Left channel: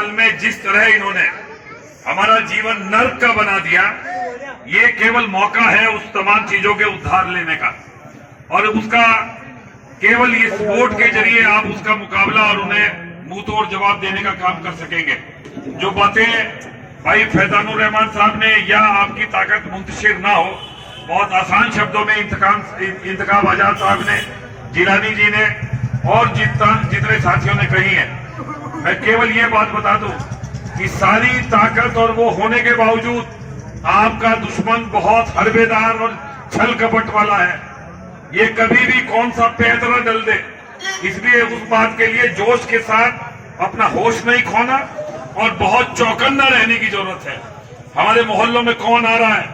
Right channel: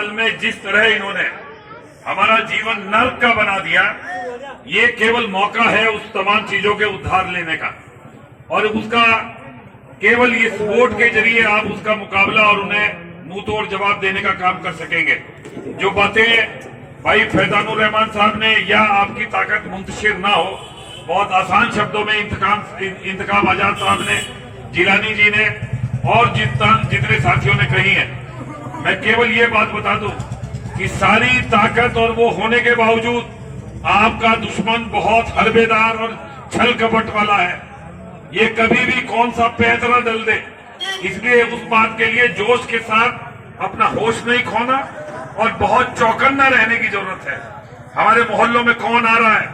साल में जिस तरह इन्होंने हमारा जीवन नर्क का बना दिया, ये केवल मौका है उस तमाम चीजों के उद्धार लेने का, और उसका केवल इस वोट के जरिए आप उसका मुकाबला और उन्हें मुंह तोड़ जवाब देने का काम कर सकेंगे। जो बातें भाई फैजानुर रहमान साहब ने या आपकी ताकत मुंतशिर ना हो, बहुत आसान शब्दों में इंतखाब आजाद साहब ने, जिलानी जी ने और जितने साथियों ने कही है, मैं केवल ये बात बता दूं कि सारी ताकत और वो होने के बावजूद आपका दुश्मन बहुत हरबेदार और छल कपट वाला है। ये कभी भी कौन सा पैंतरा डल दे, इसलिए उस बात के लिए जोश के साथ अपना होश नहीं खोना और बहुत चौकन्ना रहने की जरूरत है। हमारे मोहल्लों में कौन आ रहा है,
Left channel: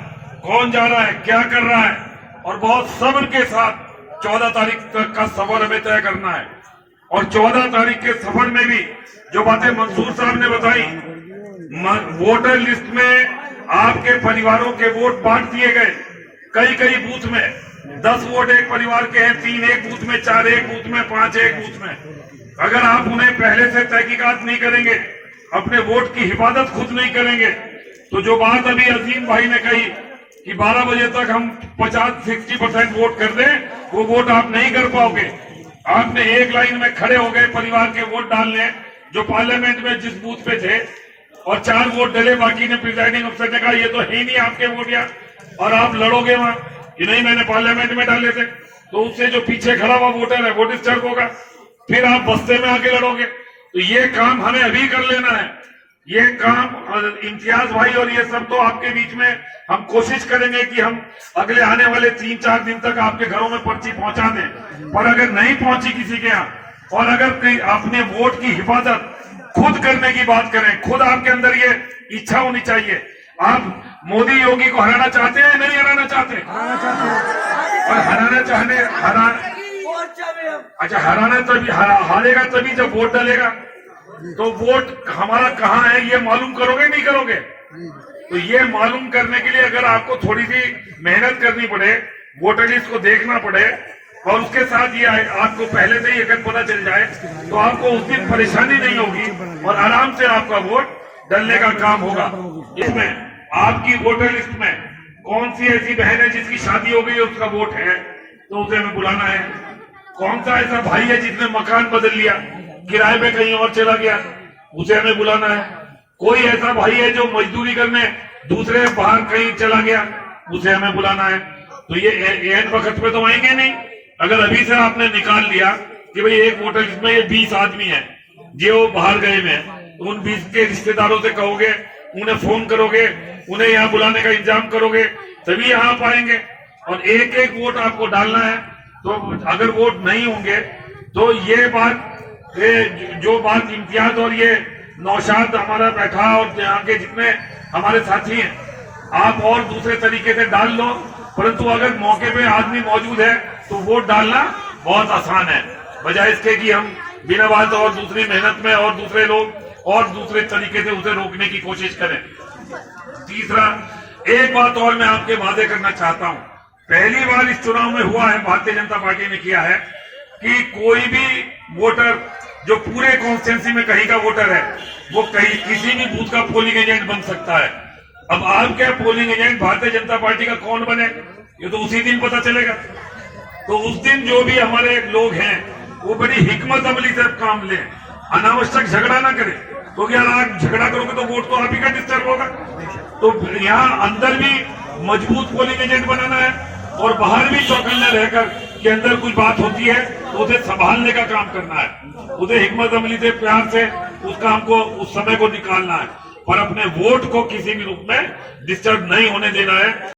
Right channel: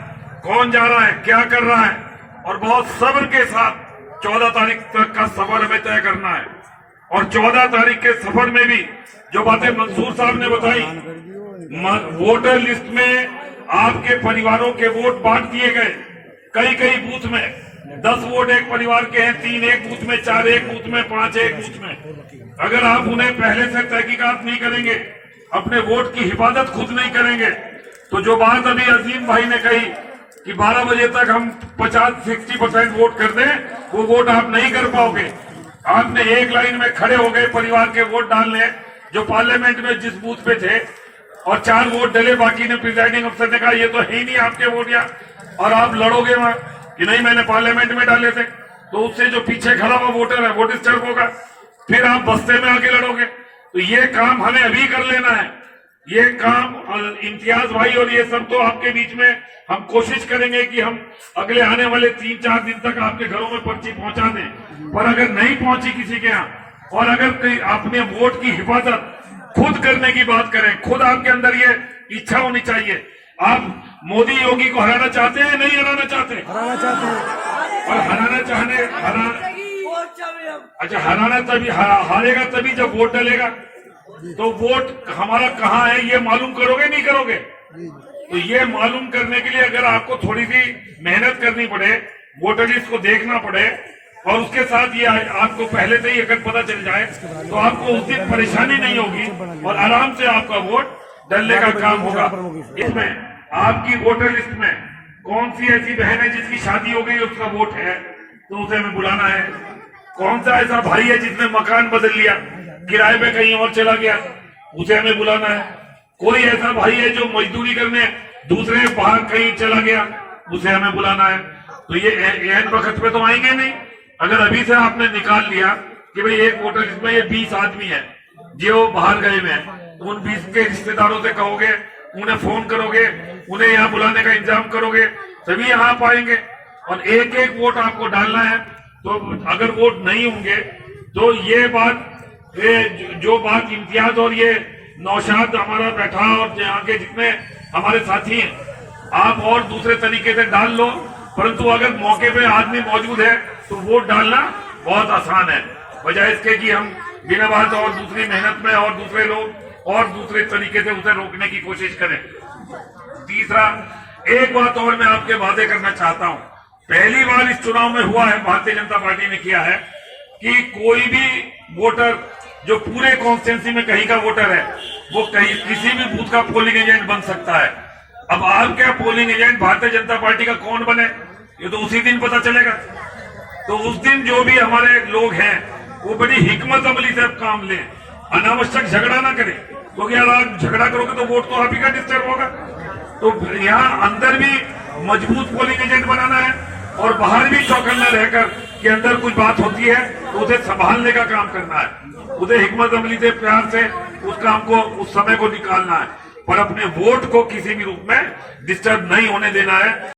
कौन जा रहा है, क्या कर रहा है, और बहुत सब्र के साथ 14 तारीख तक का सफर हमें तय करना है। और 14 तारीख के सफर में भी जो बातें मंसूर साहब ने बताई, वोटर लिस्ट में आपके परिवारों के वोट बांट दिए गए। कई बूथ में 10 वोट एक परिवार के हैं, 3 एक बूथ में, 4 एक बूथ में, 5 एक बूथ में। अगर आप उन्हें पहले से तहकीकात नहीं करेंगे, अपने वोट की हिफाजत खुद नहीं करेंगे, तो जो बात अभी अजीम भाई ने कही कि 12 बजे तक हम 50-60% वोट कर दें, वो वोट आप नहीं कर पाओगे। आपने एक लाइन में खड़े हो गए परिवार के वोट डालने, जो पार्लियामेंट में जिस बूथ पे थे, और 4 वोट डले, बाकी ने प्रिजाइडिंग अफसर ने कहा ये तो है ही नहीं आपके वोट, या और आप लड़ोगे वहां कि नहीं मैंने पार्लियामेंट में डाले थे, तो उससे जो पीछे खड़ा हुआ वोटर है वो डिस्टर्ब होगा, फिर आप बस्ते में आके लड़ोगे। तो ये काम हमें अभी कर लेना है। ये काम इम्तियाज भाई और ये सब तो आपके बीच में हम कोशिश करेंगे कि हम अगले आने वाले 3-4 दिन तक आपके घरों में पर्ची पहुंचा दें। पर अगर नहीं पहुंची किसी के यहाँ, और अगर कोई अपने वोट की हिफाजत खुद करने की बात करें, खुद आपके अंदर ये इच्छा होनी चाहिए। आप मोदी योगी को हराना चाहते हैं, नहीं हराना चाहते? हराना चाहते हैं। और हराना तभी हारेगा तभी जब वोट डलेगा। तो वोट हमारा कहाँ है ये मालूम करोगे, नहीं करोगे? तो ये मालूम करने के लिए अगर आपको थोड़ी सी मेहनत करनी पड़े, वोटर लिस्ट को देखना पड़े, और उसके साथ ये आपको पहले से ही अगर पता चल जाए, तो आपको उस दिन परेशानी नहीं होगी और आराम से आपका वोट डलने का काम होगा। इसमें आपकी वोटर लिस्ट में कौन सी ऐसी बहन है जिसकी शादी हो गई, उसका वोट है, तो उसे हमें बुलाना है। कौन सा ऐसा भाई है जिसने मकान बदल लिया, किराए पे कहीं और चला गया, उसे हमें बुलाना है। कोई ऐसा भाई है जो मजदूरी करने दूसरे बाहर कहीं चला गया, उसे हमें बुलाना है। तो ये एन वक्त पे तो आएंगे नहीं। अगर अभी से आपने निकाल लिया कि भाई एक वोटर लिस्ट में ये 20 आदमी है जो बाहर गए हुए हैं, तो उन 20 के रिश्तेदारों से कहोगे, उन्हें फोन करोगे, उन्हें यहाँ बुलाने का इंतजाम करोगे, तभी यहाँ आप आएंगे। और एक एक वोट आपको डालना है। तो अगर वोट नहीं होंगे तो ये बात, जो बात इम्तियाज और ये नौशाद हमारा बैठा और यहाँ के जितने हमारे साथी हैं, आप और दूसरे तरीके से डाल लो, परंतु अगर मौके पे आदमी मौजूद है तो वोट डालना बहुत आसान है, बजाय इसके कि हम बिना बात और दूसरी मेहनत में और दूसरे लोग और दूसरे तरीके से उसे रोकने की कोशिश करें। तीसरा, एक बात और मैं आपके वादे करना चाहता हूं। पहली बार इस चुनाव में हुआ है, भारतीय जनता पार्टी ने किया है कि कोई भी वोटर जो पूरे कॉन्स्टिट्यूंसी में कहीं का वोटर है, वो कहीं किसी भी बूथ का पोलिंग एजेंट बन सकता है। अब आपके polling agent Bharatiya Janata party का कौन बने, ये तो उसी दिन पता चलेगा। तो उस दिन जो भी हमारे लोग हैं वो बड़ी हिकमत अमली से काम लें, अनावश्यक झगड़ा ना करें, क्योंकि अगर आप झगड़ा करोगे तो वोट तो आप ही का डिस्टर्ब होगा। तो यहाँ अंदर भी मजबूत पोलिंग एजेंट बनाना है और बाहर भी चौकन्ना रहकर कि अंदर कुछ बात होती है तो उसे संभालने का काम करना है, उसे हिकमत अमली से प्यार से उस काम को, उस समय को निकालना है, पर अपने वोट को किसी भी रूप में डिस्टर्ब नहीं होने देना है।